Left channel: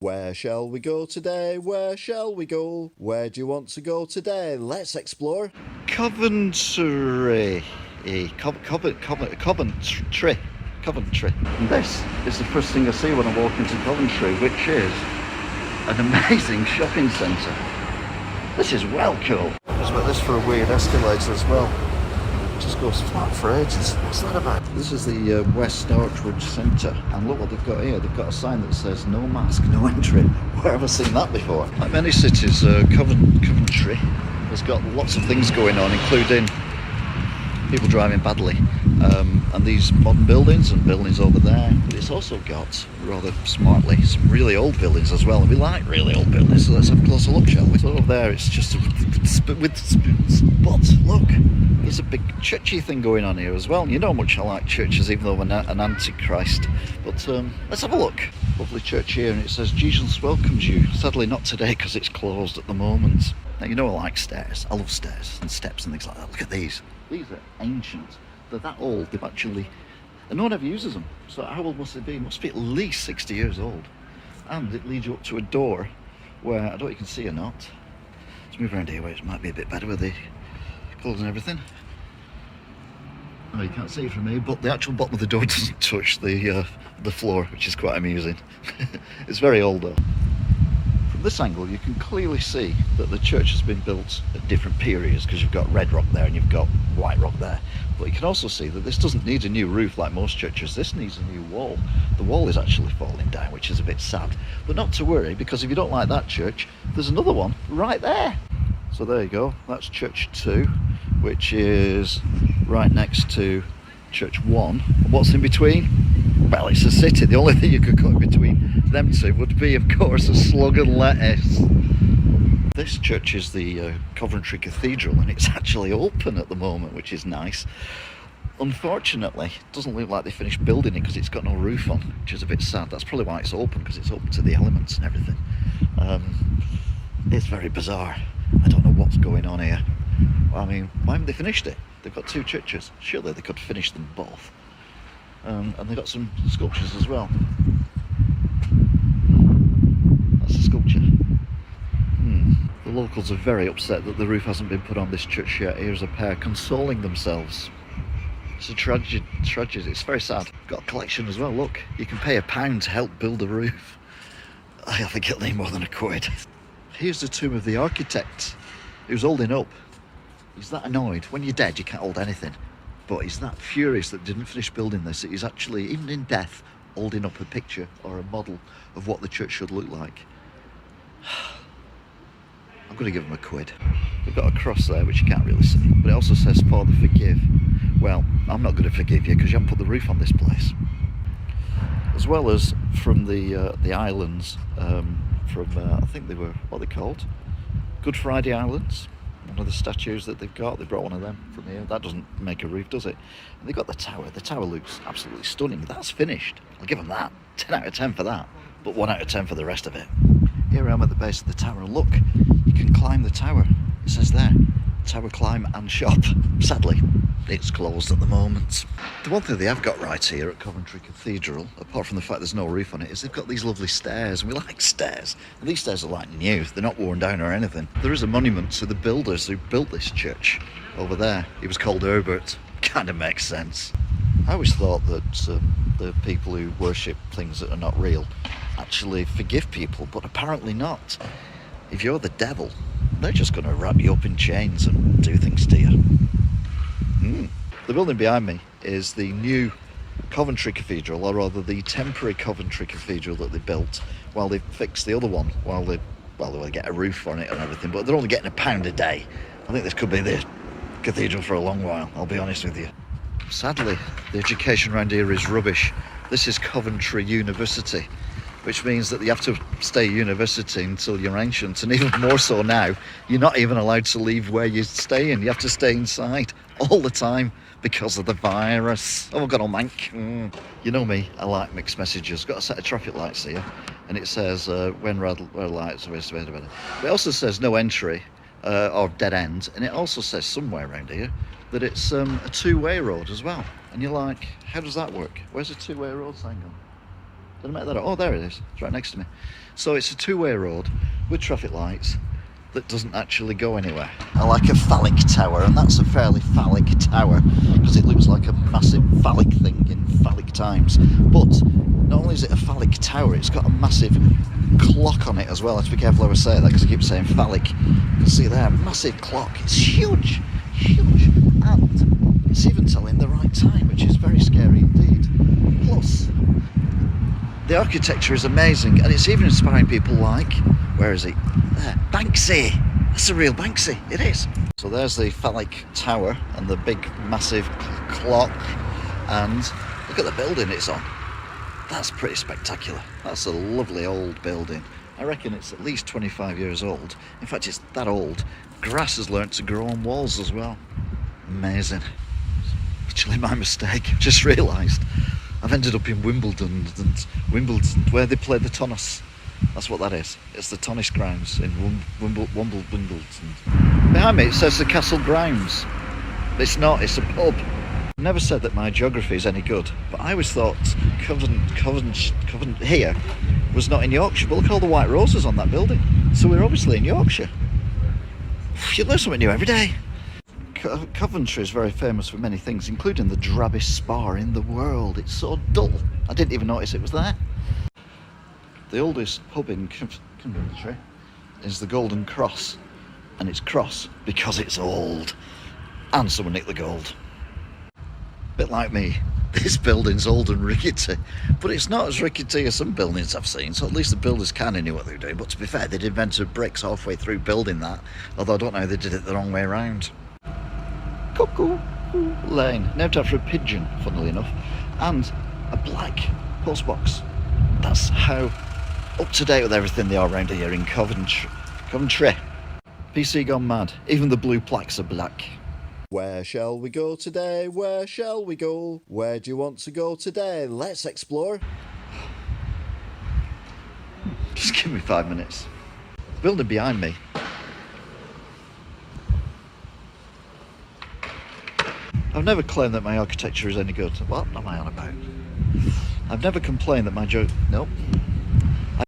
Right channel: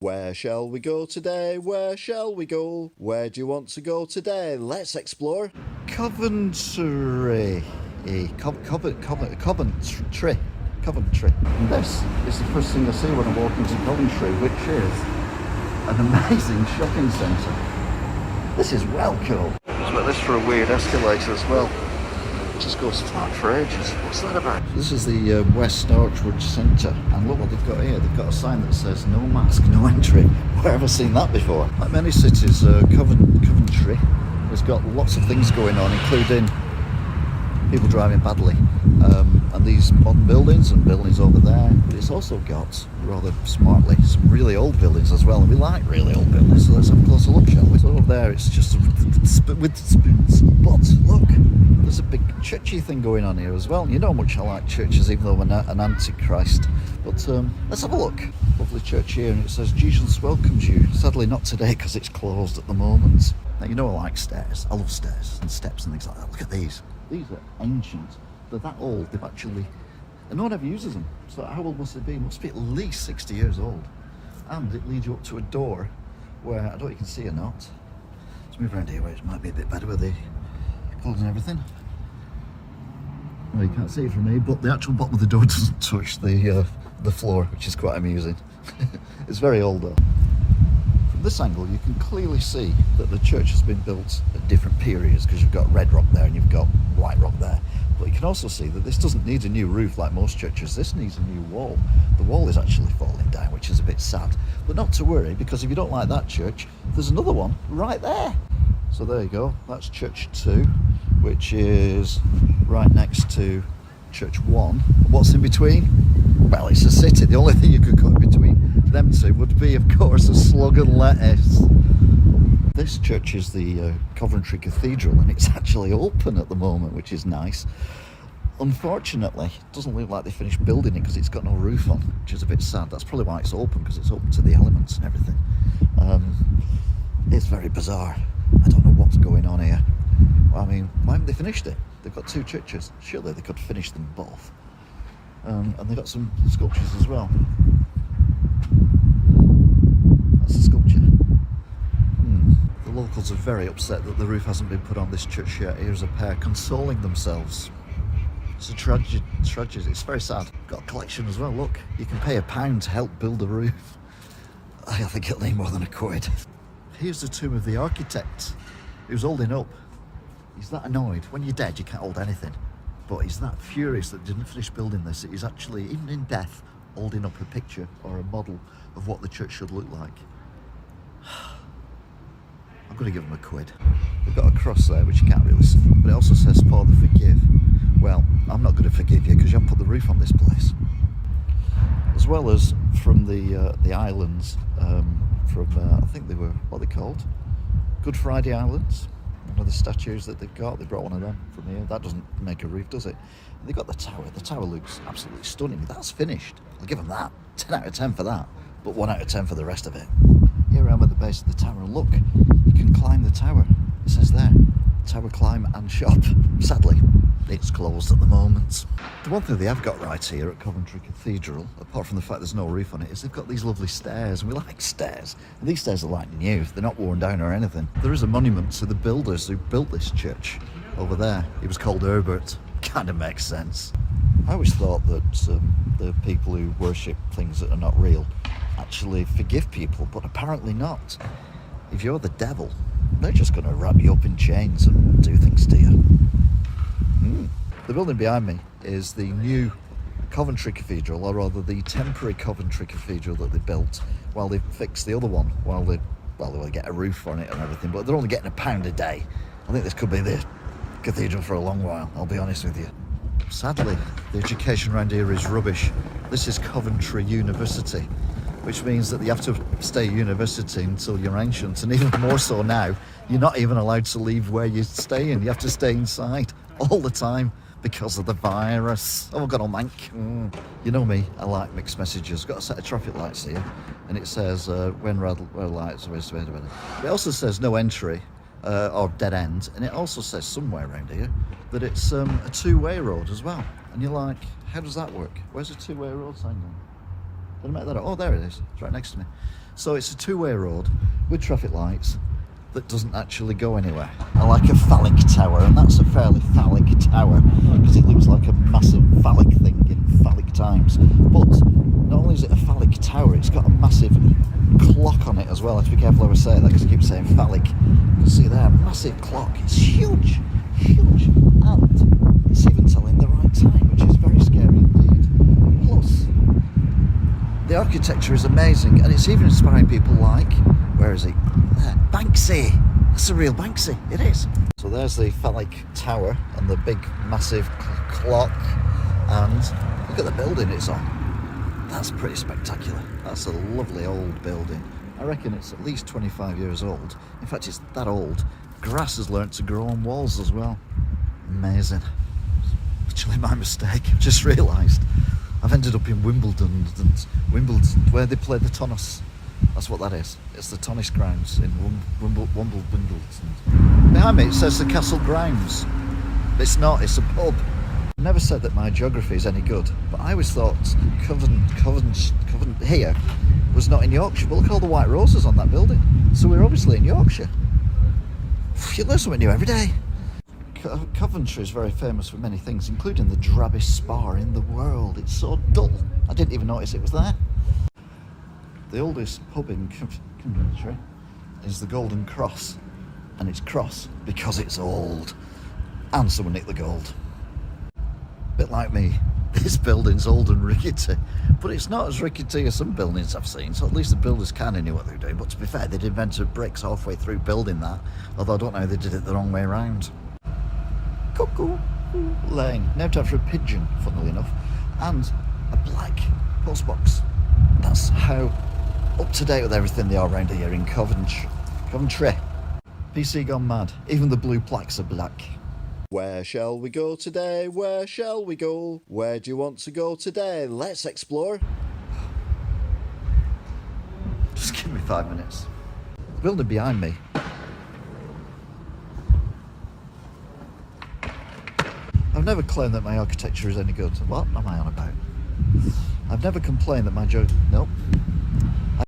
Where shall we go today? Where shall we go? Where do you want to go today? Let's explore Coventry. Coventry. And this is the first thing I see when I walk into Coventry, which is an amazing shopping centre. This is well cool. Let's make this for a weird escalator as well. It just goes flat for ages. What's that about? This is the West Archwood Centre, and look what they've got here. They've got a sign that says no mask, no entry. Where have I seen that before? Like many cities, Coventry has got lots of things going on, including people driving badly, and these modern buildings and buildings over there. But it's also got, rather smartly, some really old buildings as well, and we like really old buildings, so let's have a closer look, shall we? So over there it's just with spoons, but look, there's a big churchy thing going on here as well. You know how much I like churches, even though I'm an antichrist, but let's have a look. Lovely church here, and it says Jesus welcomes you. Sadly not today because it's closed at the moment. Now you know I like stairs. I love stairs and steps and things like that. Look at these. These are ancient. They're that old. They've actually, and no one ever uses them. So how old must they be? It must be at least 60 years old. And it leads you up to a door where, I don't know if you can see or not. Let's move around here where it might be a bit better with the clothes and everything. Oh, you can't see it from me, but the actual bottom of the door doesn't touch the floor, which is quite amusing. It's very old though. From this angle you can clearly see that the church has been built at different periods, because you've got red rock there and you've got white rock there. But you can also see that this doesn't need a new roof like most churches. This needs a new wall. The wall is actually falling down, which is a bit sad. But not to worry, because if you don't like that church, there's another one right there. So there you go. That's Church 2, which is right next to Church 1. And what's in between? Well, it's a city. The only thing you could cut in between them two would be, of course, a slug and lettuce. This church is the Coventry Cathedral, and it's actually open at the moment, which is nice. Unfortunately, it doesn't look like they finished building it because it's got no roof on, which is a bit sad. That's probably why it's open, because it's open to the elements and everything. It's very bizarre. I don't know what's going on here. I mean, why haven't they finished it? They've got two churches. Surely they could finish them both. And they've got some sculptures as well. That's a sculpture. The locals are very upset that the roof hasn't been put on this church yet. Here's a pair consoling themselves. It's a tragedy. It's very sad. Got a collection as well, look. You can pay £1 to help build a roof. I think it'll need more than £1. Here's the tomb of the architect. He was holding up. He's that annoyed. When you're dead, you can't hold anything. But he's that furious that didn't finish building this. He's actually, even in death, holding up a picture or a model of what the church should look like. I'm going to give him £1. They've got a cross there, which you can't really see. But it also says, Father, forgive. Well, I'm not going to forgive you because you haven't put the roof on this place. As well as from the islands, I think they were, what are they called? Good Friday Islands. One of the statues that they've got, they brought one of them from here. That doesn't make a roof, does it? And they've got the tower. The tower looks absolutely stunning. That's finished. I'll give them that. 10 out of 10 for that, but 1 out of 10 for the rest of it. Here I am at the base of the tower, and look, you can climb the tower. It says there, tower climb and shop. Sadly, it's closed at the moment. The one thing they have got right here at Coventry Cathedral, apart from the fact there's no roof on it, is they've got these lovely stairs, and we like stairs. And these stairs are like new, they're not worn down or anything. There is a monument to the builders who built this church over there. He was called Herbert. Kind of makes sense. I always thought that the people who worship things that are not real actually forgive people, but apparently not. If you're the devil, they're just going to wrap you up in chains and do things to you. The building behind me is the new Coventry Cathedral, or rather the temporary Coventry Cathedral that they built while they fixed the other one, while they get a roof on it and everything, but they're only getting £1 a day. I think this could be the cathedral for a long while, I'll be honest with you. Sadly, the education around here is rubbish. This is Coventry University, which means that you have to stay at university until you're ancient, and even more so now, you're not even allowed to leave where you're staying. You have to stay inside all the time because of the virus. Oh, I've got a mank. You know me, I like mixed messages. Got a set of traffic lights here, and it says when red lights are but it also says no entry or dead end, and it also says somewhere around here that it's a two-way road as well. And you're like, how does that work? Where's a two-way road sign gone? Did I make that up? Oh, there it is. It's right next to me. So it's a two-way road with traffic lights that doesn't actually go anywhere. I like a phallic tower, and that's a fairly phallic tower because it looks like a massive phallic thing in phallic times. But not only is it a phallic tower, it's got a massive clock on it as well. I have to be careful how I say that because I keep saying phallic. You can see there, massive clock. It's huge, huge, and it's even telling the right time, which is very scary indeed. Plus, the architecture is amazing, and it's even inspiring people like, where is he? There, Banksy. That's a real Banksy. It is. So there's the phallic tower and the big massive clock, and look at the building it's on. That's pretty spectacular. That's a lovely old building. I reckon it's at least 25 years old. In fact, it's that old. Grass has learnt to grow on walls as well. Amazing. Actually, my mistake. I've just realised I've ended up in Wimbledon, where they play the tennis. That's what that is. It's the tennis grounds in Wimbledon. Behind me it says the Castle Grounds. It's not, it's a pub. I've never said that my geography is any good, but I always thought Coventry here was not in Yorkshire. But look at all the white roses on that building. So we're obviously in Yorkshire. You learn something new every day. Coventry is very famous for many things, including the drabbest spa in the world. It's so dull. I didn't even notice it was there. The oldest pub in Coventry is the Golden Cross, and it's cross because it's old, and someone nicked the gold. Bit like me, this building's old and rickety, but it's not as rickety as some buildings I've seen, so at least the builders kind of knew what they were doing. But to be fair, they'd invented bricks halfway through building that, although I don't know how they did it the wrong way around. Cuckoo Lane, named after a pigeon, funnily enough, and a black postbox. That's how up to date with everything they are around here in Coventry. PC gone mad. Even the blue plaques are black. Where shall we go today? Where shall we go? Where do you want to go today? Let's explore. Just give me 5 minutes. The building behind me. I've never claimed that my architecture is any good. What am I on about? I've never complained that my Nope.